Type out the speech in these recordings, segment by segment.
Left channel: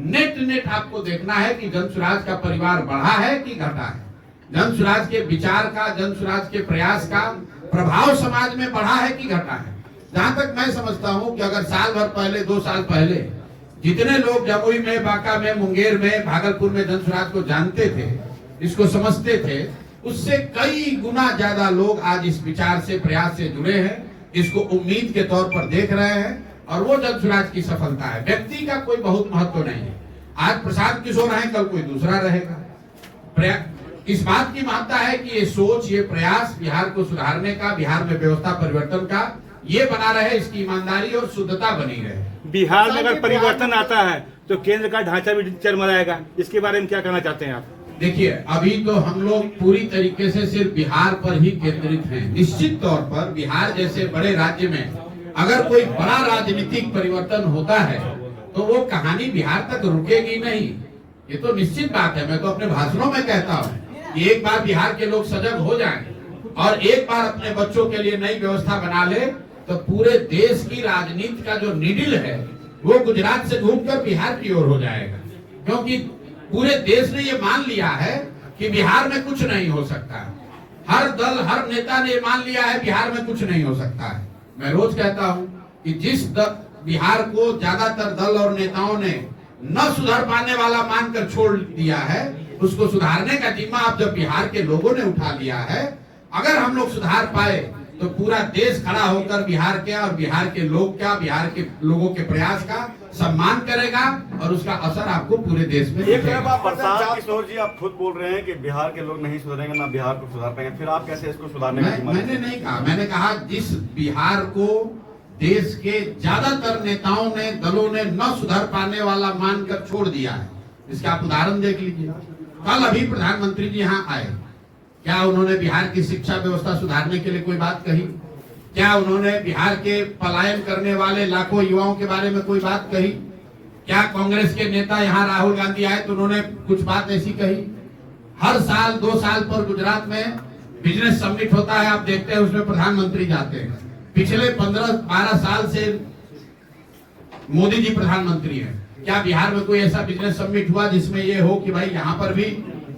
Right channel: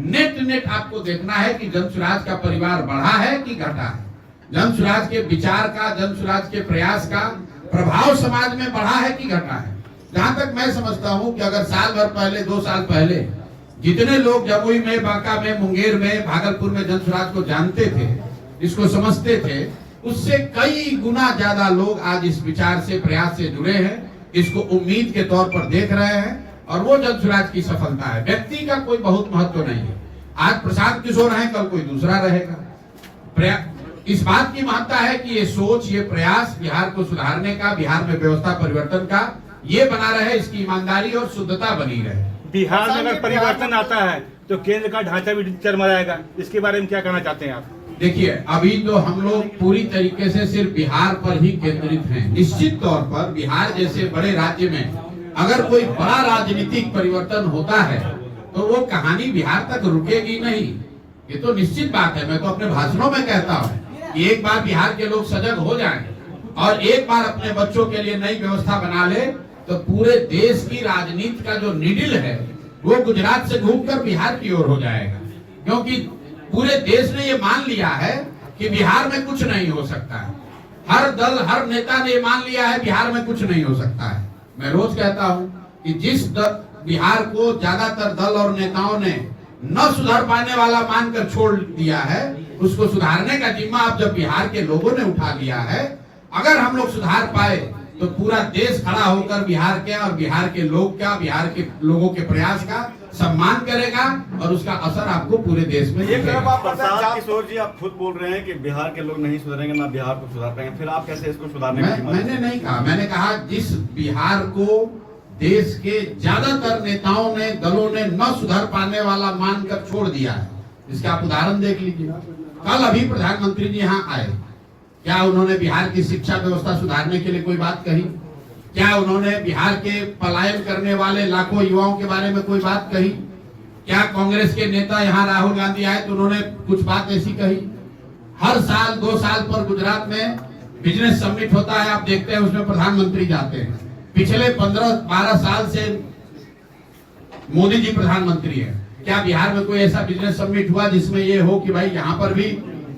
Net आपको देखना है कि जनसुराज का परिवार बढ़ा है कि घटा है। जनसुराज के विचार का, जनसुराज के प्रयास का प्रभाव समाज में बढ़ा है कि घटा है। जहां तक मैं समझता हूं कि अगर साल भर पहले, 2 साल पहले जितने लोग जमुई में, बांका में, मुंगेर में, भागलपुर में जनसुराज को जानते थे, इसको समझते थे, उससे कई गुना ज्यादा लोग आज इस विचार से, प्रयास से जुड़े हैं, इसको उम्मीद के तौर पर देख रहे हैं और वो जनसुराज की सफलता है। व्यक्ति का कोई बहुत महत्व नहीं है। आज प्रशांत किशोर है, कल कोई दूसरा रहेगा। इस बात की महत्ता है कि ये सोच, ये प्रयास बिहार को सुधारने का, बिहार में व्यवस्था परिवर्तन का ये बना रहे, इसकी ईमानदारी और शुद्धता बनी रहे। बिहार में अगर परिवर्तन आता है तो केंद्र का ढांचा भी चरमराएगा, इसके बारे में क्या कहना चाहते हैं आप? देखिए, अभी तो हम लोग पूरी तरीके से सिर्फ बिहार पर ही केंद्रित हैं। निश्चित तौर पर बिहार जैसे बड़े राज्य में अगर कोई बड़ा राजनीतिक परिवर्तन होता है तो वो कहानी बिहार तक रुकेगी नहीं, ये तो निश्चित बात है। मैं तो अपने भाषणों में कहता हूँ कि एक बार बिहार के लोग सजग हो जाएं और एक बार अपने बच्चों के लिए नई व्यवस्था बना ले तो पूरे देश की राजनीति का जो नीडल है वो गुजरात से घूमकर बिहार की ओर हो जाएगा, क्योंकि पूरे देश ने ये मान लिया है कि बिहार में कुछ नहीं हो सकता है। हर दल, हर नेता ने ये मान लिया है बिहार में कुछ नहीं हो सकता है। मैं रोज कहता हूं कि जिस बिहार को ज्यादातर दल और नेताओं ने न सुधार पाने वाला मानकर छोड़ दिया है, उसको सुधारने का जिम्मा अब जब बिहार के लोगों ने उठा लिया है, अगर हम लोग सुधार पाए तो पूरा देश खड़ा होकर बिहार के और बिहार के लोग का, बिहार के लोगों के प्रयास का सम्मान करेगा और उसका असर आपको पूरे देश में दिखेगा। प्रशांत किशोर जी, आप खुद बोल रहे हैं कि बिहार के लोग नहीं सुधरेंगे, ना बिहार को सुधार पाएंगे, फिर आप कैसे इसको सुधारने की? मैंने नहीं कहा, मैंने कहा जिस बिहार को देश के ज्यादातर नेताओं ने, दलों ने न सुधार पाने वाला मानकर छोड़ दिया है, इसका आप उदाहरण देख लीजिए। कल अभी प्रधानमंत्री जी यहाँ आए, क्या उन्होंने बिहार की शिक्षा व्यवस्था सुधारने के लिए कोई बात कही? क्या उन्होंने बिहार के पलायन करने वाले लाखों युवाओं के बारे में कोई बात कही? क्या कांग्रेस के नेता यहाँ राहुल गांधी आए तो उन्होंने कुछ बात ऐसी कही? हर साल 2 साल पर गुजरात में बिजनेस समिट होता है, आप देखते हैं उसमें प्रधानमंत्री जाते हैं। पिछले 15-12 साल से मोदी जी प्रधानमंत्री हैं। क्या बिहार में कोई ऐसा बिजनेस समिट हुआ जिसमें ये हो कि भाई यहाँ पर भी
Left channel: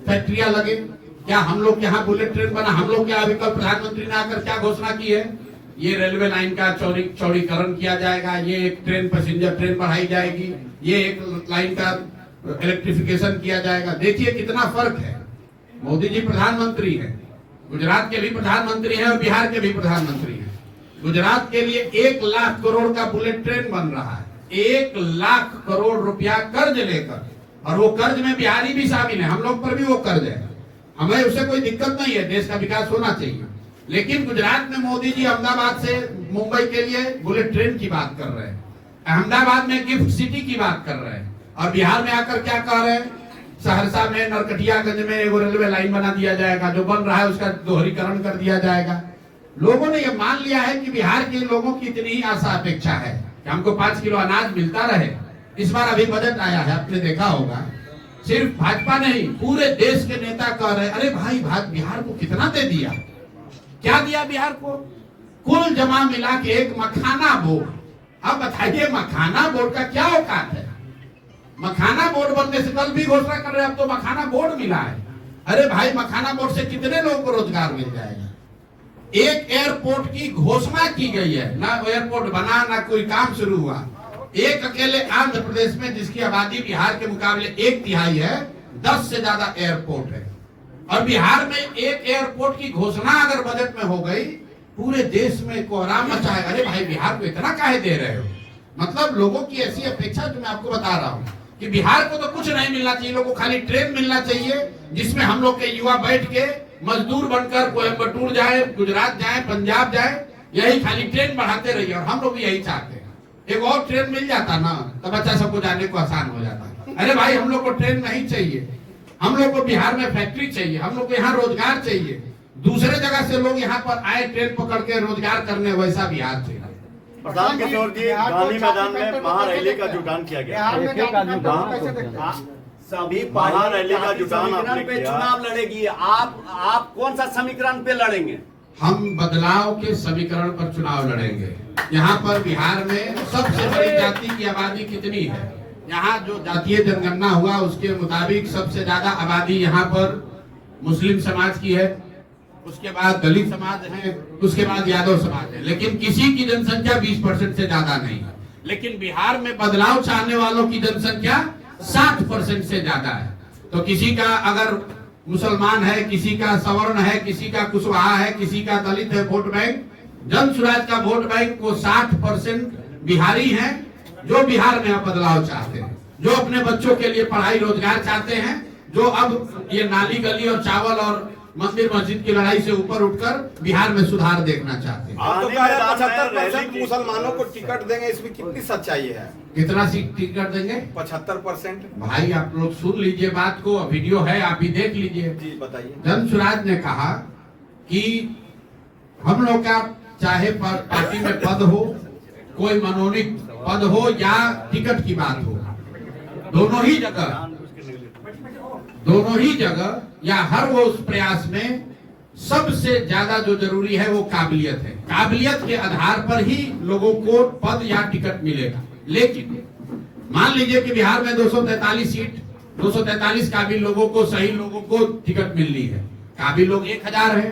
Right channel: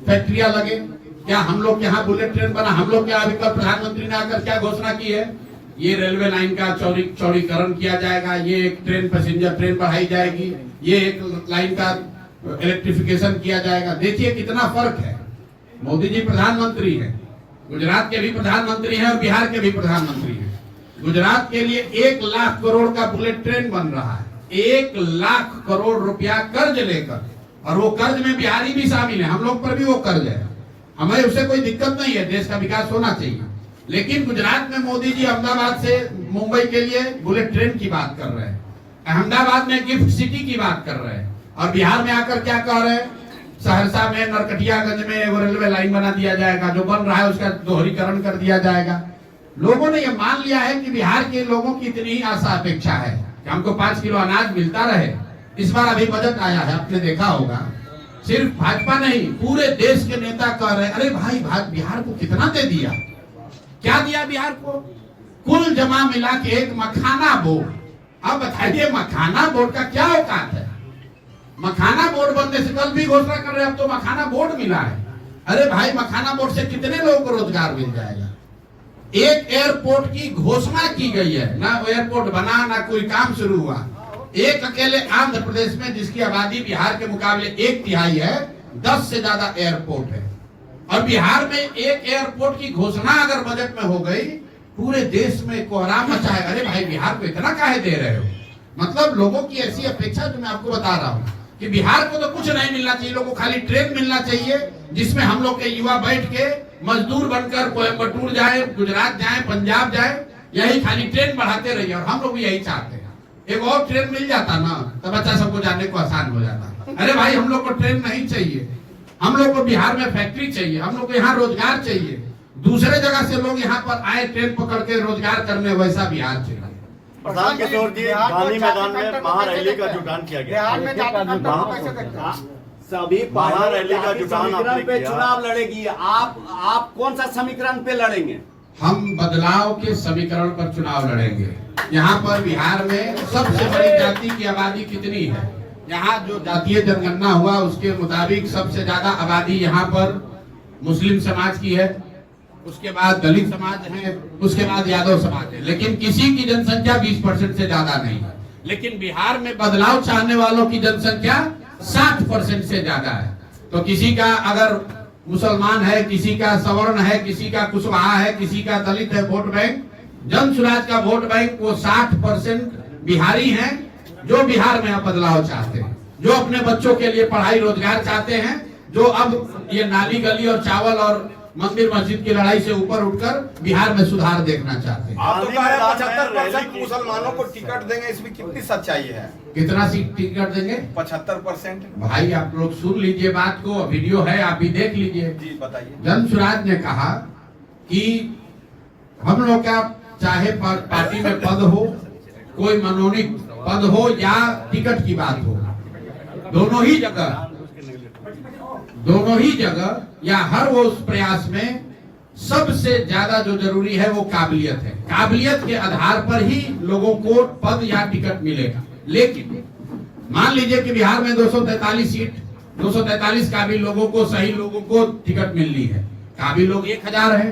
फैक्ट्रियां लगे? क्या हम लोग यहाँ बुलेट ट्रेन बना? हम लोग क्या अभी कल प्रधानमंत्री ने आकर क्या घोषणा की है? ये रेलवे लाइन का चौड़ीकरण किया जाएगा, ये एक ट्रेन, पैसेंजर ट्रेन बढ़ाई जाएगी, ये एक लाइन का इलेक्ट्रिफिकेशन किया जाएगा। देखिए कितना फर्क है। मोदी जी प्रधानमंत्री है, गुजरात के भी प्रधानमंत्री हैं और बिहार के भी प्रधानमंत्री हैं। गुजरात के लिए 1 लाख करोड़ का बुलेट ट्रेन बन रहा है, 1 लाख करोड़ रुपया कर्ज लेकर, और वो कर्ज में बिहारी भी शामिल है, हम लोग पर भी वो कर्ज है। हमें उससे कोई दिक्कत नहीं है, देश का विकास होना चाहिए। लेकिन गुजरात में मोदी जी अहमदाबाद से मुंबई के लिए बुलेट ट्रेन की बात कर रहे हैं, अहमदाबाद में गिफ्ट सिटी की बात कर रहे हैं, और बिहार में आकर क्या कह रहे हैं? सहरसा में, नरकटियागंज में वो रेलवे लाइन बना दिया जाएगा, जो बन रहा है उसका दोहरीकरण कर दिया जाएगा। लोगों ने ये मान लिया है कि बिहार के लोगों की इतनी ही आशा अपेक्षा है कि हमको 5 किलो अनाज मिलता रहे। इस बार अभी बजट आया है, आपने देखा होगा, सिर्फ भाजपा नहीं पूरे देश के नेता कह रहे हैं, अरे भाई बिहार को कितना दे दिया? क्या दिया बिहार को? कुल जमा मिला के एक मखाना बोर्ड। अब बताइए मखाना बोर्ड का क्या औकात है? मखाना बोर्ड बनने से कल भी घोषणा कर रहे हैं, अब तो मखाना बोर्ड मिला है। अरे भाई, मखाना बोर्ड से कितने लोगों को रोजगार मिल जाएगा? एक एयरपोर्ट की घोषणा की गई है, ना एयरपोर्ट बना, ना कोई काम शुरू हुआ। एक अकेले आंध्र प्रदेश में, जिसकी आबादी बिहार के मुकाबले 1/3 है, 10 से ज्यादा एयरपोर्ट है, और बिहार में एक एयरपोर्ट की घोषणा अगर बजट में हो गई, पूरे देश में कोहराम मचा है। अरे भाई, बिहार को इतना काहे दे रहे हो? मतलब लोगों की ऐसी अपेक्षा, जो मैं आपको बता रहा हूँ कि बिहार को तो कुछ नहीं मिलना चाहिए, लोगों को खाली ट्रेन मिलना चाहिए जिसमें हम लोग के युवा बैठ के मजदूर बनकर कोयम्बटूर जाए, गुजरात जाए, पंजाब जाए, यही खाली ट्रेन बढ़ाते रहिए। और हम लोग भी यही चाहते हैं। एक और ट्रेन मिल जाता ना, तब अच्छा सबको जाने को आसान हो जाता। अरे भाई, हम लोग को ट्रेन नहीं चाहिए, हम लोग को बिहार में फैक्ट्री चाहिए, हम लोग को यहाँ रोजगार चाहिए। दूसरे जगह से लोग यहाँ पर आए ट्रेन पकड़ के रोजगार करने, वैसा बिहार चाहिए। प्रधान किशोर जी, गांधी मैदान में महारैली का जुटान किया गया, सभी महारैली का जुटान आपने पे किया। चुनाव लड़ेगी, आप कौन सा समीकरण पे लड़ेंगे? हम बदलाव के समीकरण पर चुनाव लड़ेंगे। यहाँ पर बिहार में सबसे बड़ी जाति की आबादी कितनी है? यहाँ जो जातीय जनगणना हुआ उसके मुताबिक सबसे ज्यादा आबादी यहाँ पर मुस्लिम समाज की है, उसके बाद दलित समाज है, उसके बाद यादव समाज है, लेकिन किसी की जनसंख्या 20% से ज्यादा नहीं है। लेकिन बिहार में बदलाव चाहने वालों की जनसंख्या 60% से ज्यादा है। तो किसी का अगर मुसलमान है, किसी का सवर्ण है, किसी का कुशवाहा है, किसी का दलित है, वोट बैंक जन स्वराज का वोट बैंक वो 60% बिहारी हैं जो बिहार में बदलाव चाहते हैं, जो अपने बच्चों के लिए पढ़ाई रोजगार चाहते हैं, जो अब ये नाली गली और चावल और मंदिर मस्जिद की लड़ाई से ऊपर उठकर बिहार में सुधार देखना चाहते हैं। आप तो कह रहे हैं 75% मुसलमानों को टिकट देंगे, इसमें कितनी सच्चाई है? कितना सीट टिकट देंगे? 75%। भाई आप लोग सुन लीजिए बात को, वीडियो है आप भी देख लीजिए। जी बताइए। जन स्वराज ने कहा कि हम लोग का चाहे पार्टी में पद हो, कोई मनोनीत पद हो या टिकट की बात हो, दोनों ही जगह या हर वो उस प्रयास में सबसे ज्यादा जो जरूरी है वो काबिलियत है। काबिलियत के आधार पर ही लोगों को पद या टिकट मिलेगा। लेकिन मान लीजिए कि बिहार में 243 सीट, 243 काबिल लोगों को, सही लोगों को टिकट मिल रही है। काबिल लोग 1000 है,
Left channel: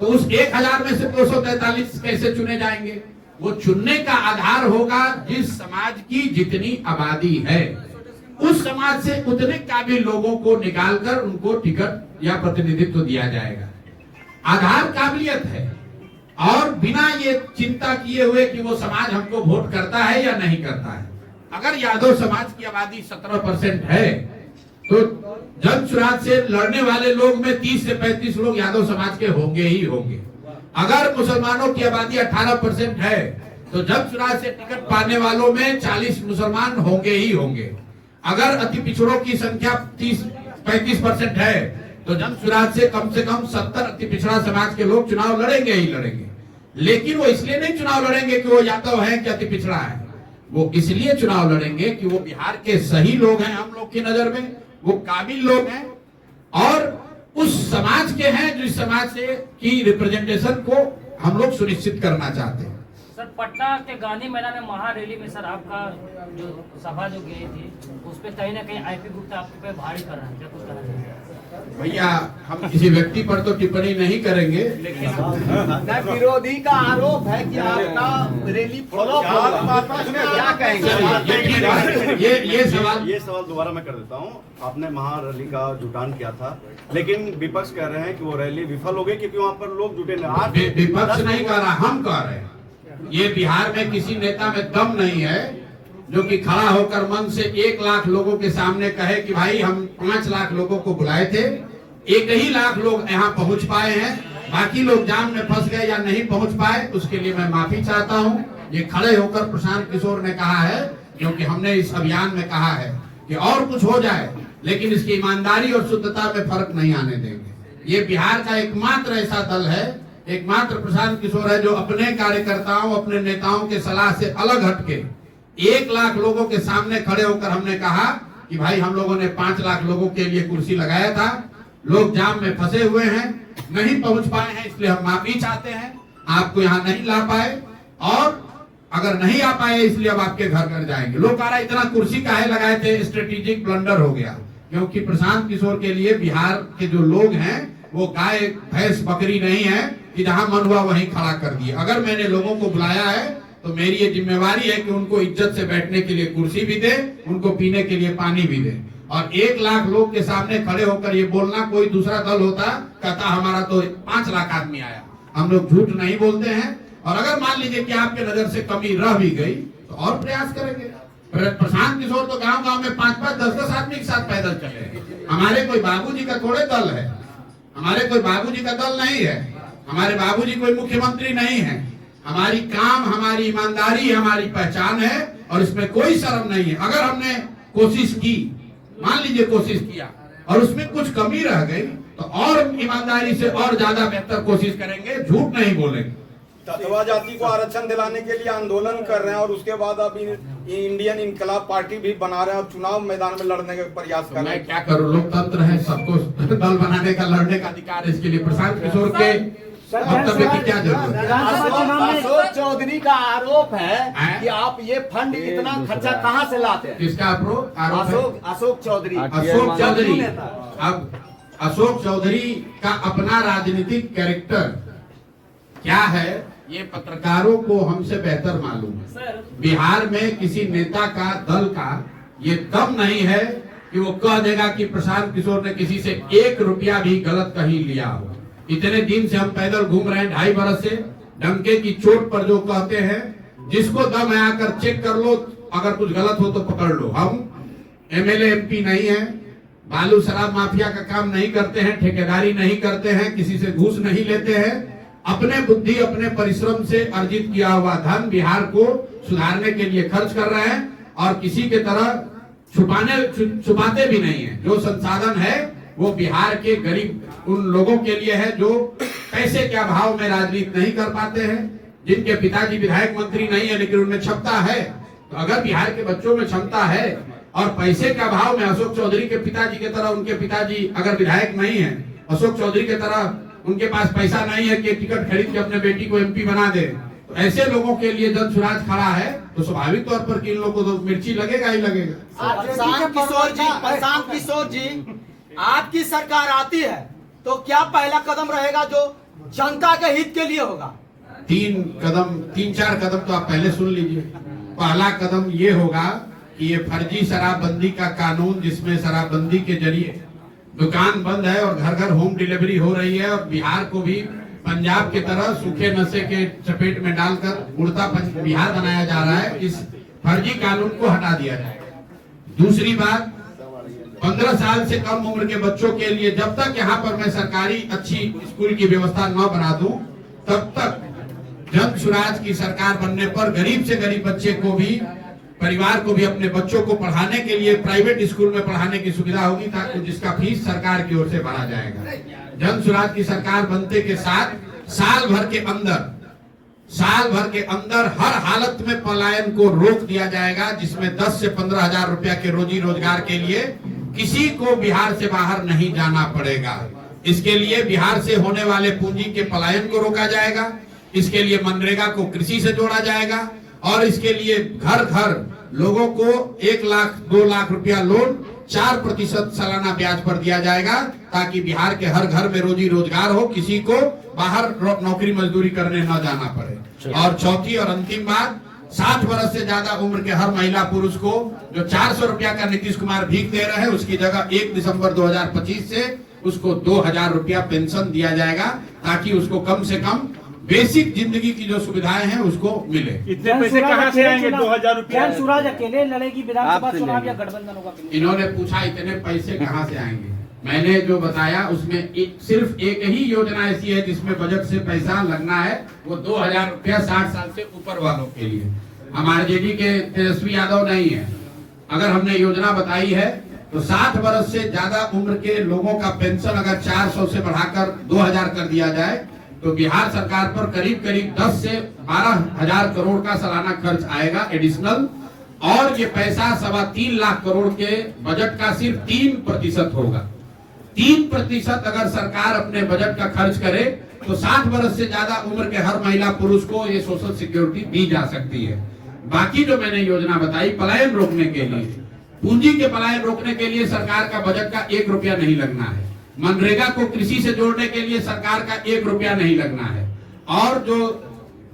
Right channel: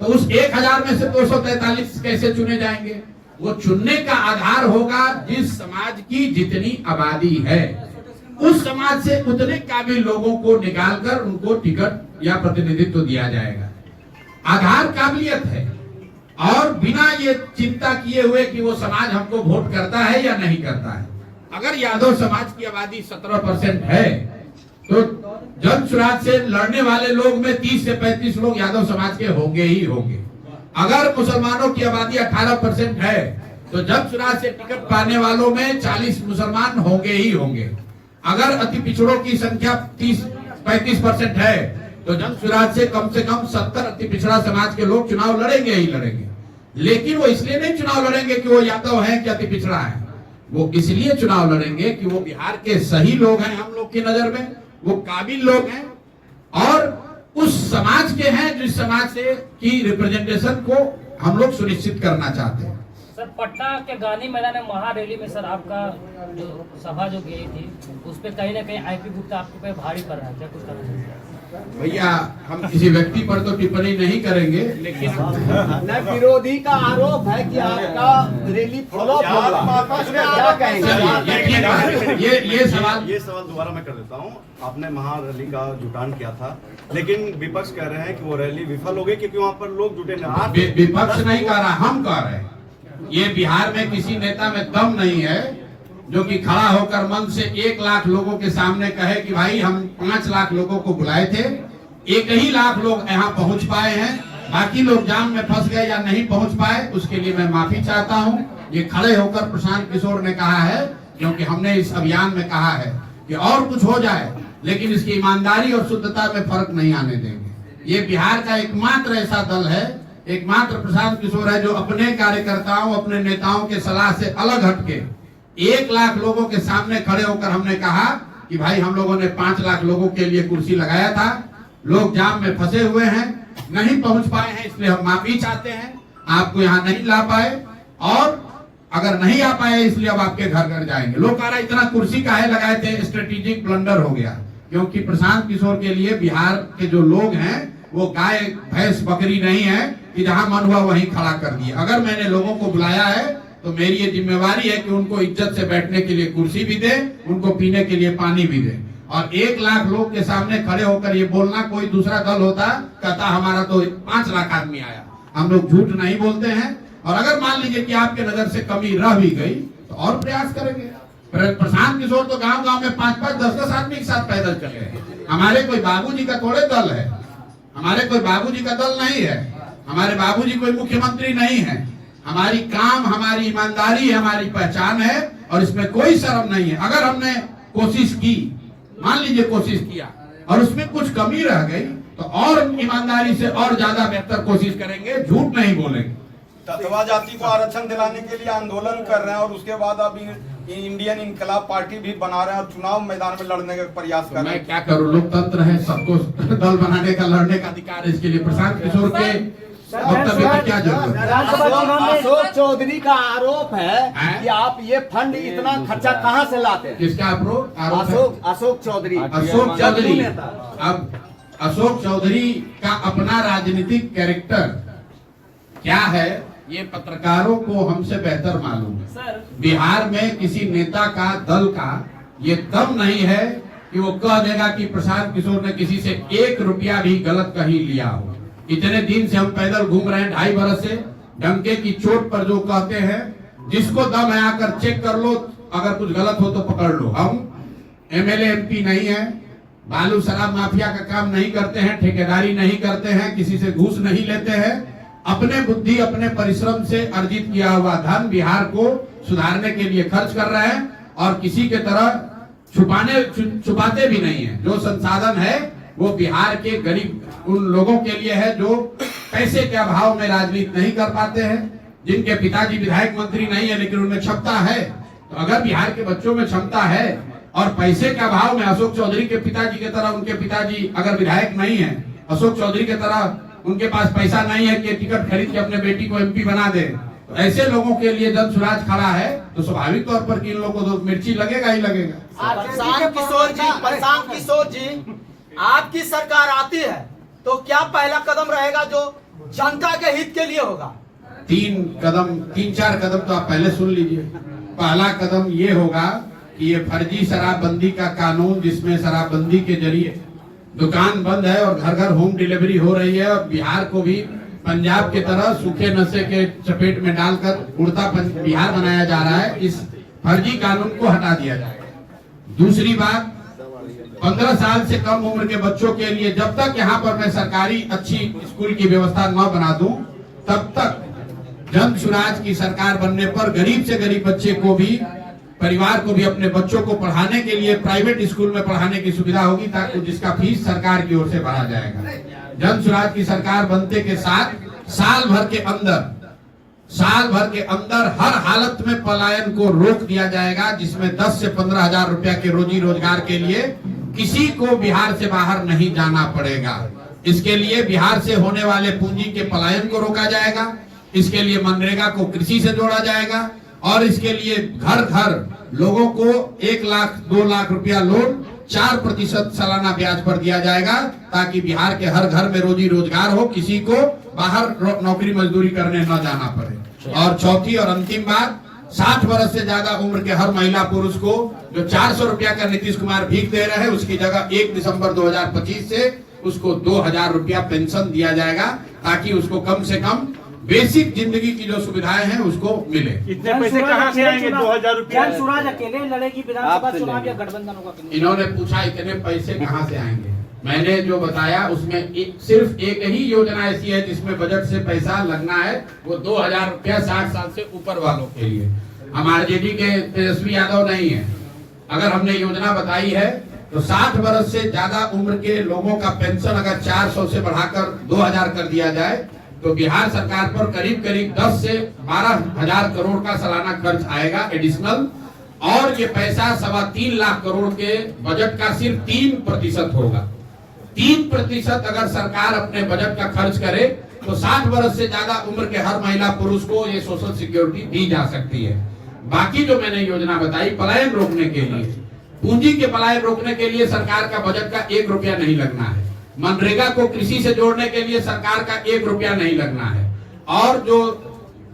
तो उस 1000 में से 243 कैसे चुने जाएंगे? वो चुनने का आधार होगा जिस समाज की जितनी आबादी है, उस समाज से उतने काबिल लोगों को निकालकर उनको टिकट या प्रतिनिधित्व दिया जाएगा। आधार काबिलियत है, और बिना ये चिंता किए हुए कि वो समाज हमको वोट करता है या नहीं करता है। अगर यादव समाज की आबादी 17% है, तो जन स्वराज से लड़ने वाले लोग में 30 से 35 लोग यादव समाज के होंगे ही होंगे। अगर मुसलमानों की आबादी 18% है, तो जन स्वराज से टिकट पाने वालों में 40 मुसलमान होंगे ही होंगे। अगर अति पिछड़ों की संख्या 30-35% है, तो जन स्वराज से कम 70 अति पिछड़ा समाज के लोग चुनाव लड़ेंगे ही लड़ेंगे। लेकिन वो इसलिए नहीं चुनाव लड़ेंगे कि वो यादव है कि अति पिछड़ा है, वो इसलिए चुनाव लड़ेंगे कि वो बिहार के सही लोग हैं, हम लोग की नजर में वो काबिल लोग हैं और उस समाज के हैं जिस समाज से की रिप्रेजेंटेशन को हम लोग सुनिश्चित करना चाहते हैं। सर, पटना के गांधी मैदान में महारैली में सर आपका जो सभा जो गई थी, उस पर कहीं ना कहीं आईपी गुप्ता आपके पे भारी कर रहा है, क्या कुछ करना चाहिए? भैया हम किसी व्यक्ति पर तो टिप्पणी नहीं करेंगे, लेकिन विरोधी का आरोप है कि आपका रैली फॉलो क्या कहेंगे? ये सवाल दोबारा मैं कर देता हूँ। आपने महारैली का जुटान किया था, लेकिन विपक्ष कह रहे हैं कि वो रैली विफल हो गई क्योंकि वहाँ पर लोग जुटे नहीं। विपक्ष नहीं कह रहा, हम कह रहे हैं। ये बिहार में किसी नेता में दम नहीं है जो कि खड़ा होकर मन से 1 लाख लोगों के सामने कहे कि भाई हम 5 लाख लोगों को बुलाए थे, 1 ही लाख लोग यहाँ पहुंच पाए हैं, बाकी लोग जाम में फंस गए या नहीं पहुंच पाए। उसके लिए मैं माफी चाहता हूँ। ये खड़े होकर प्रशांत किशोर ने कहा है, क्योंकि हमने इस अभियान में कहा है कि और कुछ हो जाए, लेकिन इसकी ईमानदारी और शुद्धता में फर्क नहीं आने देंगे। ये बिहार का एकमात्र ऐसा दल है, एकमात्र प्रशांत किशोर है जो अपने कार्यकर्ताओं, अपने नेताओं के सलाह से अलग हटके 1 लाख लोगों के सामने खड़े होकर हमने कहा कि भाई हम लोगों ने 5 लाख लोगों के लिए कुर्सी लगाया था, लोग जाम में फंसे हुए हैं, नहीं पहुंच पाए हैं, इसलिए हम माफी चाहते हैं, आपको यहाँ नहीं ला पाए, और अगर नहीं आ पाए इसलिए अब आपके घर घर जाएंगे। लोग कह रहा इतना कुर्सी काहे लगाए थे, स्ट्रेटेजिक ब्लंडर हो गया, क्योंकि प्रशांत किशोर के लिए बिहार के जो लोग हैं वो गाय भैंस बकरी नहीं है कि जहां मन हुआ वहीं खड़ा कर दिए। अगर मैंने लोगों को बुलाया है तो मेरी ये जिम्मेवारी है कि उनको इज्जत से बैठने के लिए कुर्सी भी दे, उनको पीने के लिए पानी भी दे। और 1 लाख लोग के सामने खड़े होकर ये बोलना, कोई दूसरा दल होता कहता हमारा तो 5 लाख आदमी आया। हम लोग झूठ नहीं बोलते हैं, और अगर मान लीजिए कि आपके नजर से कमी रह भी गई तो और प्रयास करेंगे। प्रशांत किशोर तो गांव गांव में 5-5, 10-10 आदमी के साथ पैदल चले हैं। हमारे कोई बाबूजी का थोड़े दल है, हमारे कोई बाबूजी का दल नहीं है, हमारे बाबूजी कोई मुख्यमंत्री नहीं है। हमारी काम, हमारी ईमानदारी, हमारी पहचान है, और इसमें कोई शर्म नहीं है। अगर हमने कोशिश की, मान लीजिए कोशिश किया और उसमें कुछ कमी रह गई, तो और ईमानदारी से और ज्यादा बेहतर कोशिश करेंगे, झूठ नहीं बोलेंगे। तथवा जाति को आरक्षण दिलाने के लिए आंदोलन कर रहे हैं, और उसके बाद अब इंडियन इनकलाब पार्टी भी बना रहे हैं और चुनाव मैदान में लड़ने का प्रयास कर रहे हैं। मैं क्या करूं, लोकतंत्र है, सबको दल बनाने का, लड़ने का अधिकार है। इसके लिए प्रशांत किशोर के वक्तव्य की क्या जरूरत है? अशोक चौधरी का आरोप है कि आप ये फंड इतना खर्चा कहाँ से लाते हैं? किसका आरोप है? अशोक चौधरी। अशोक चौधरी। अब अशोक चौधरी का अपना राजनीतिक कैरेक्टर क्या है ये पत्रकारों को हमसे बेहतर मालूम है। सर बिहार में किसी नेता का दल का ये दम नहीं है कि वो कह देगा कि प्रशांत किशोर ने किसी से 1 रुपया भी गलत कहीं लिया हो। इतने दिन से हम पैदल घूम रहे हैं, 2.5 बरस से, डंके की चोट पर जो कहते हैं जिसको दम है आकर चेक कर लो, अगर कुछ गलत हो तो पकड़ लो। हम एमएलए एमपी नहीं है, बालू शराब माफिया का काम नहीं करते हैं, ठेकेदारी नहीं करते हैं, किसी से घूस नहीं लेते हैं। अपने बुद्धि अपने परिश्रम से अर्जित किया हुआ धन बिहार को सुधारने के लिए खर्च कर रहे हैं और किसी के तरह छुपाते भी नहीं है। जो संसाधन है वो बिहार के गरीब उन लोगों के लिए है जो पैसे के अभाव में राजनीति नहीं कर पाते हैं, जिनके पिताजी विधायक मंत्री नहीं है लेकिन उनमें क्षमता है। तो अगर बिहार के बच्चों में क्षमता है और पैसे के अभाव में अशोक चौधरी के पिताजी की तरह उनके पिताजी अगर विधायक नहीं है, अशोक चौधरी की तरह उनके पास पैसा नहीं है कि टिकट खरीद के अपने बेटी को एमपी बना दे, तो ऐसे लोगों के लिए जन सुराज खड़ा है तो स्वाभाविक तौर पर कि इन लोगों को तो मिर्ची लगेगा ही लगेगा। प्रशांत किशोर जी, आपकी सरकार आती है तो क्या पहला कदम रहेगा जो जनता के हित के लिए होगा? 3-4 कदम तो आप पहले सुन लीजिए। पहला कदम ये होगा कि ये फर्जी शराबबंदी का कानून, जिसमें शराबबंदी के जरिए दुकान बंद है और घर घर होम डिलीवरी हो रही है और बिहार को भी पंजाब की तरह सूखे नशे के चपेट में डालकर उड़ता बिहार बनाया जा रहा है, इस फर्जी कानून को हटा दिया जाएगा। दूसरी बात, 15 साल से कम उम्र के बच्चों के लिए जब तक यहाँ पर मैं सरकारी अच्छी स्कूल की व्यवस्था न बना दूं, तब तक जन सुराज की सरकार बनने पर गरीब से गरीब बच्चे को भी, परिवार को भी अपने बच्चों को पढ़ाने के लिए प्राइवेट स्कूल में पढ़ाने की सुविधा होगी, ताकि जिसका फीस सरकार की ओर से भरा जाएगा। जन सुराज की सरकार बनते के साथ साल भर के अंदर हर हालत में पलायन को रोक दिया जाएगा, जिसमें 10 से 15 हजार रुपया के रोजी रोजगार के लिए किसी को बिहार से बाहर नहीं जाना पड़ेगा। इसके लिए बिहार से होने वाले पूंजी के पलायन को रोका जाएगा। इसके लिए मनरेगा को कृषि से जोड़ा जाएगा और इसके लिए घर घर लोगों को 1 लाख 2 लाख रुपया लोन 4% सालाना ब्याज पर दिया जाएगा, ताकि बिहार के हर घर में रोजी रोजगार हो, किसी को बाहर नौकरी मजदूरी करने न जाना पड़े। और चौथी और अंतिम बात, 60 वर्ष से ज्यादा उम्र के हर महिला पुरुष को जो 400 रुपया का नीतीश कुमार भीख दे रहे हैं, उसकी जगह 1 दिसंबर 2025 से उसको 2000 रुपया पेंशन दिया जाएगा, ताकि उसको कम से कम बेसिक जिंदगी की जो सुविधाएं हैं उसको मिले। इतने पैसे कहाँ से आएंगे? 2000 रुपया। जन सुराज अकेले लड़ेगी विधानसभा चुनाव या गठबंधन होगा? इन्होंने पूछा इतने पैसे कहाँ से आएंगे। मैंने जो बताया उसमें सिर्फ एक ही योजना ऐसी है जिसमें बजट से पैसा लगना है, वो 2000 रुपया 60 साल से ऊपर वालों के लिए। हम आरजेडी के तेजस्वी यादव नहीं है। अगर हमने योजना बताई है तो 60 वर्ष से ज्यादा उम्र के लोगों का पेंशन अगर 400 से बढ़ाकर 2000 कर दिया जाए तो बिहार सरकार पर करीब 10 से 12 हजार करोड़ का सालाना खर्च आएगा एडिशनल, और ये पैसा 3.25 लाख करोड़ के बजट का सिर्फ 3% होगा। 3% अगर सरकार अपने बजट का खर्च करे तो 60 वर्ष से ज्यादा उम्र के हर महिला पुरुष को ये सोशल सिक्योरिटी दी जा सकती है। बाकी जो मैंने योजना बताई पलायन रोकने के लिए, पूंजी के पलायन रोकने के लिए सरकार का बजट का 1 रुपया नहीं लगना है। मनरेगा को कृषि से जोड़ने के लिए सरकार का 1 रुपया नहीं लगना है। और जो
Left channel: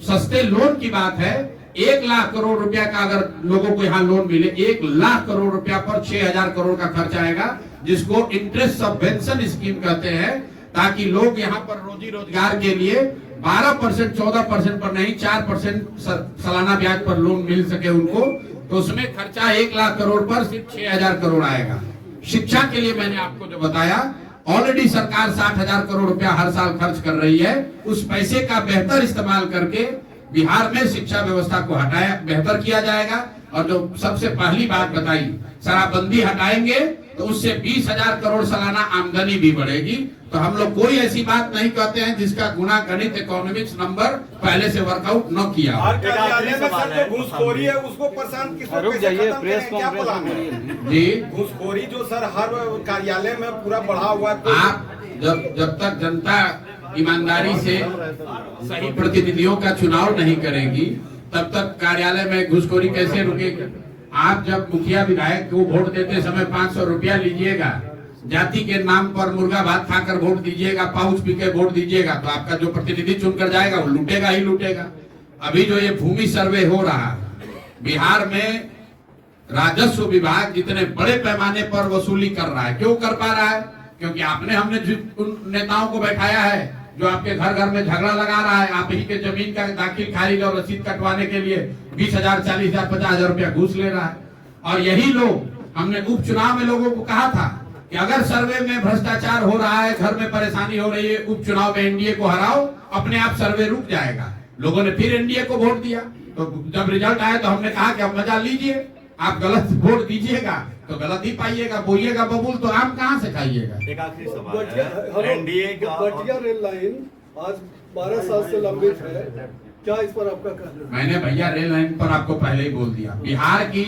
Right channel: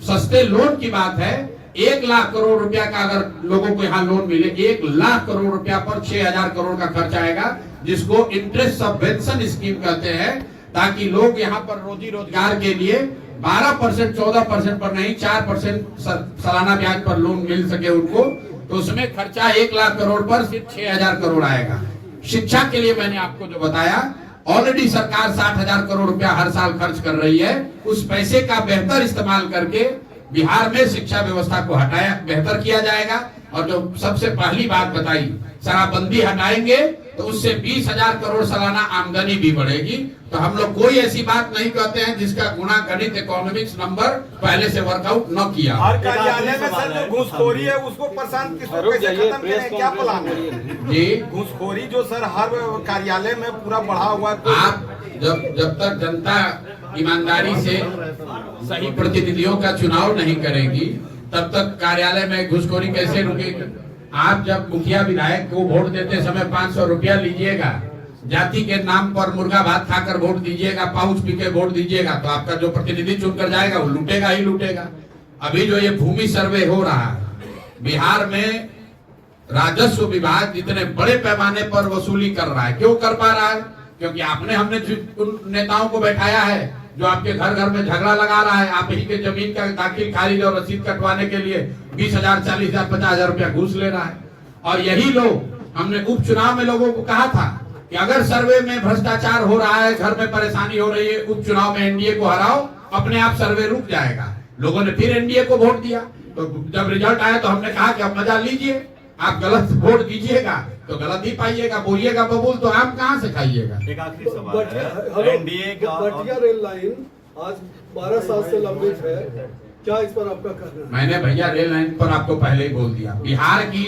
सस्ते लोन की बात है, 1 लाख करोड़ रुपया का अगर लोगों को यहाँ लोन मिले, 1 लाख करोड़ रुपया पर 6000 करोड़ का खर्च आएगा, जिसको इंटरेस्ट सबवेंशन स्कीम कहते हैं, ताकि लोग यहाँ पर रोजी रोजगार के लिए 12% 14% पर नहीं 4% सालाना ब्याज पर लोन मिल सके उनको। तो उसमें खर्चा 1 लाख करोड़ पर सिर्फ 6000 करोड़ आएगा। शिक्षा के लिए मैंने आपको जो बताया, ऑलरेडी सरकार 60,000 करोड़ रुपया हर साल खर्च कर रही है। उस पैसे का बेहतर इस्तेमाल करके बिहार में शिक्षा व्यवस्था को बेहतर किया जाएगा। और जो सबसे पहली बात बताई, शराबबंदी हटाएंगे तो उससे 20,000 करोड़ सालाना आमदनी भी बढ़ेगी। तो हम लोग कोई ऐसी बात नहीं कहते हैं जिसका गुणा गणित इकोनॉमिक्स नंबर पहले से वर्कआउट न किया। हर कार्यालय में सर जो घूसखोरी है उसको प्रशांत किशोर कैसे खत्म करेंगे, क्या प्लान है? जी, घूसखोरी जो सर हर कार्यालय में पूरा बढ़ा हुआ है। आप जब तक जनता ईमानदारी से सही प्रतिनिधियों का चुनाव नहीं करेंगी, तब तक कार्यालय में घुसखोरी कैसे रुकेगी? आप जब मुखिया विधायक को वोट देते समय 500 रुपया लीजिएगा, जाति के नाम पर मुर्गा भात खाकर वोट दीजिएगा, पाउच पी के वोट दीजिएगा, तो आपका जो प्रतिनिधि चुनकर जाएगा वो लूटेगा ही लूटेगा। अभी जो ये भूमि सर्वे हो रहा है, बिहार में राजस्व विभाग जितने बड़े पैमाने पर वसूली कर रहा है, क्यों कर पा रहा है? क्योंकि हमने उन नेताओं को बैठाया है जो आपके घर घर में झगड़ा लगा रहा है, आप ही के जमीन का दाखिल खारिज और रसीद कटवाने के लिए 20,000, 40,000, 50,000 रुपया घूस ले रहा है। और यही लोग, हमने उपचुनाव में लोगों को कहा था कि अगर सर्वे में भ्रष्टाचार हो रहा है, घर में परेशानी हो रही है, उपचुनाव में एनडीए को हराओ, अपने आप सर्वे रुक जाएगा। लोगों ने फिर एनडीए को वोट दिया, तो जब रिजल्ट आए तो हमने कहा कि अब मजा लीजिए, आप गलत वोट दीजिएगा तो गलत ही पाइएगा, बोलिएगा बबूल तो आम कहाँ से खाइएगा। एक आखिरी सवाल है, एनडीए का बटिया रेल लाइन आज 12 साल से लंबित है, क्या इस पर आपका कहना है? मैंने भैया रेल लाइन पर आपको पहले ही बोल दिया, बिहार की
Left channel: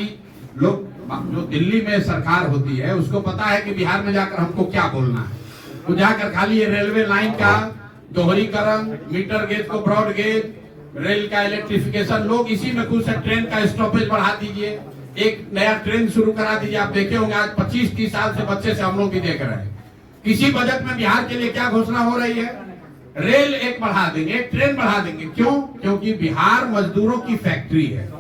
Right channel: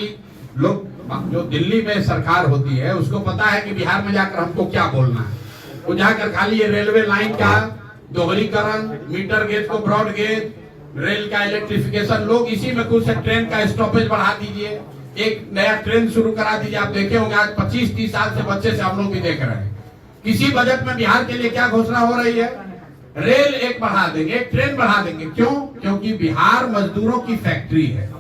लोग, जो दिल्ली में सरकार होती है उसको पता है कि बिहार में जाकर हमको क्या बोलना है। वो जाकर खाली ये रेलवे लाइन का दोहरीकरण, मीटर गेज को ब्रॉड गेज, रेल का इलेक्ट्रिफिकेशन, लोग इसी में खुश है। ट्रेन का स्टॉपेज बढ़ा दीजिए, एक नया ट्रेन शुरू करा दीजिए। आप देखे होंगे आज 25-30 साल से बच्चे से हम लोग भी देख रहे हैं। किसी बजट में बिहार के लिए क्या घोषणा हो रही है? रेल एक बढ़ा देंगे, एक ट्रेन बढ़ा देंगे। क्यों? क्योंकि बिहार मजदूरों की फैक्ट्री है।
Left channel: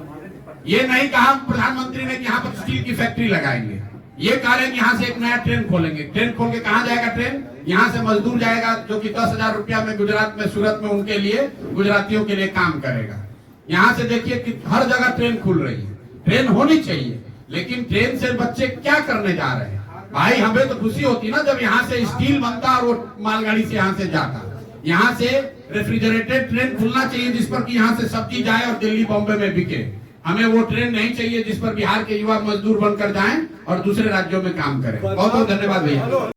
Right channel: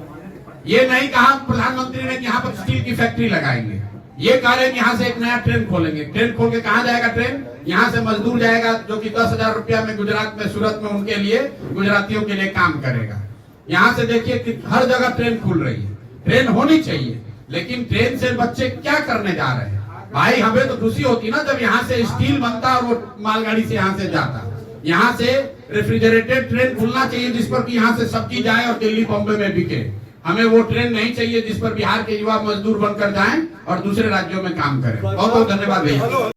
ये नहीं कहा प्रधानमंत्री ने कि यहाँ पर स्टील की फैक्ट्री लगाएंगे, ये कह रहे हैं कि यहाँ से एक नया ट्रेन खोलेंगे। ट्रेन खोल के कहाँ जाएगा ट्रेन? यहाँ से मजदूर जाएगा जो कि 10,000 रुपया में गुजरात में, सूरत में उनके लिए, गुजरातियों के लिए काम करेगा। यहाँ से देखिए कि हर जगह ट्रेन खुल रही है। ट्रेन होनी चाहिए, लेकिन ट्रेन से बच्चे क्या करने जा रहे हैं? भाई हमें तो खुशी होती ना जब यहाँ से स्टील बनता और वो मालगाड़ी से यहाँ से जाता। यहाँ से रेफ्रिजरेटेड ट्रेन खुलना चाहिए जिस पर कि यहाँ से सब्जी जाए और दिल्ली बॉम्बे में बिके। हमें वो ट्रेन नहीं चाहिए जिस पर बिहार के युवा मजदूर बनकर जाएं और दूसरे राज्यों में काम करें। बहुत बहुत धन्यवाद भैया।